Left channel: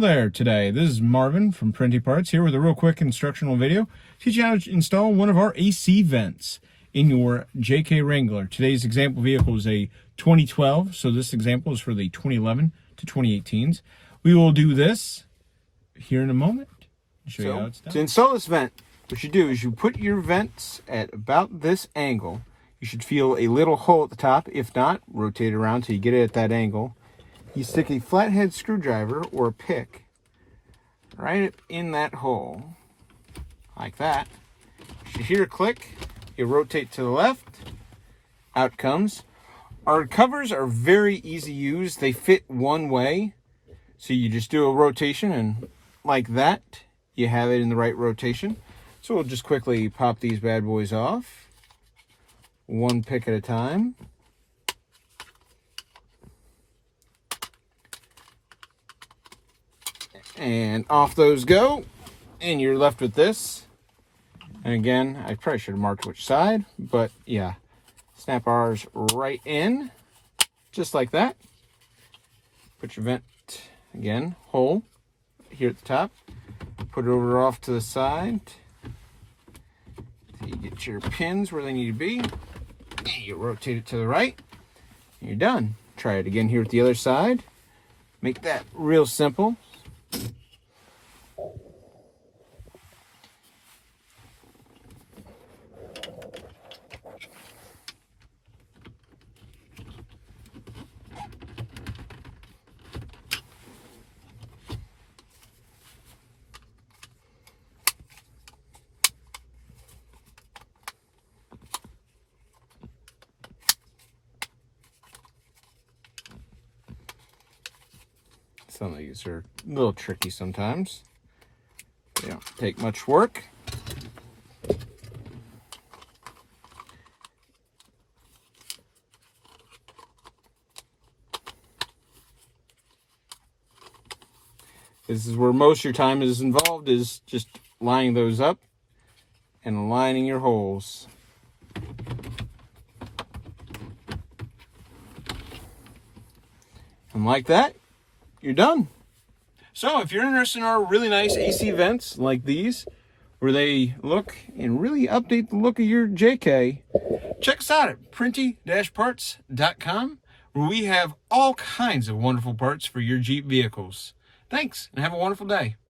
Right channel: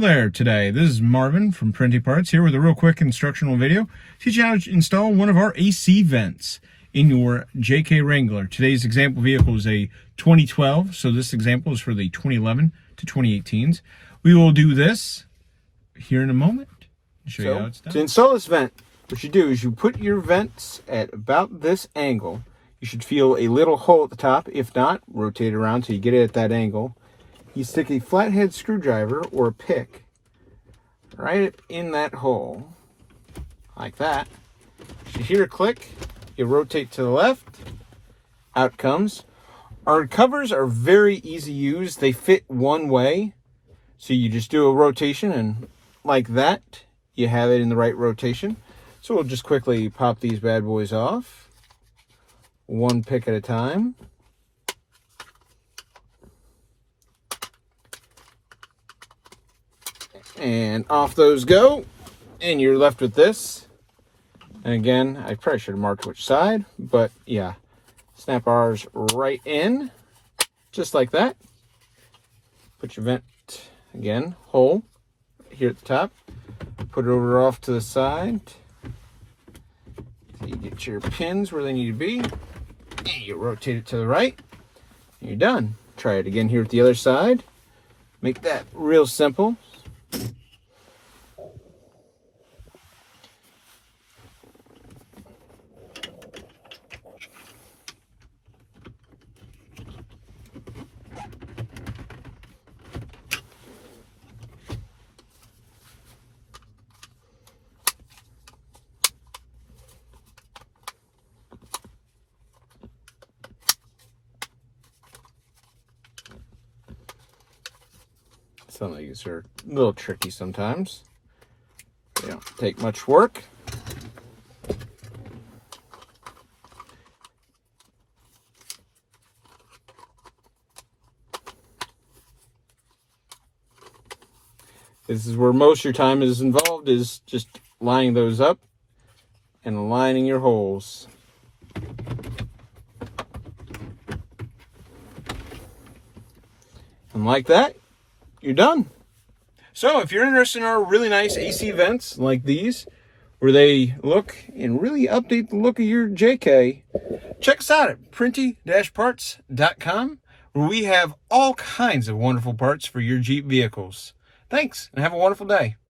there today. This is Marvin from Printi-Parts here with a real quick instructional video. Teach you how to install one of our AC vents in your JK Wrangler. Today's example vehicle is a 2012, so this example is for the 2011 to 2018s. We will do this here in a moment. Show you how it's done. To install this vent, what you do is you put your vents at about this angle. You should feel a little hole at the top. If not, rotate it around till you get it at that angle. You stick a flathead screwdriver or a pick right in that hole, like that. You hear a click, you rotate to the left, out comes. Our covers are very easy to use. They fit one way, so you just do a rotation and like that, you have it in the right rotation. So we'll just quickly pop these bad boys off, one pick at a time. And off those go, and you're left with this. And again, I probably should have marked which side, but yeah, snap ours right in, just like that. Put your vent, again, hole here at the top. Put it over off to the side. So you get your pins where they need to be. And you rotate it to the right. And you're done. Try it again here at the other side. Make that real simple. Some of these are a little tricky sometimes. They don't take much work. This is where most of your time is involved, is just lining those up and aligning your holes. And like that, you're done. So if you're interested in our really nice AC vents like these, where they look and really update the look of your JK, check us out at Printi-Parts.com, where we have all kinds of wonderful parts for your Jeep vehicles. Thanks, and have a wonderful day.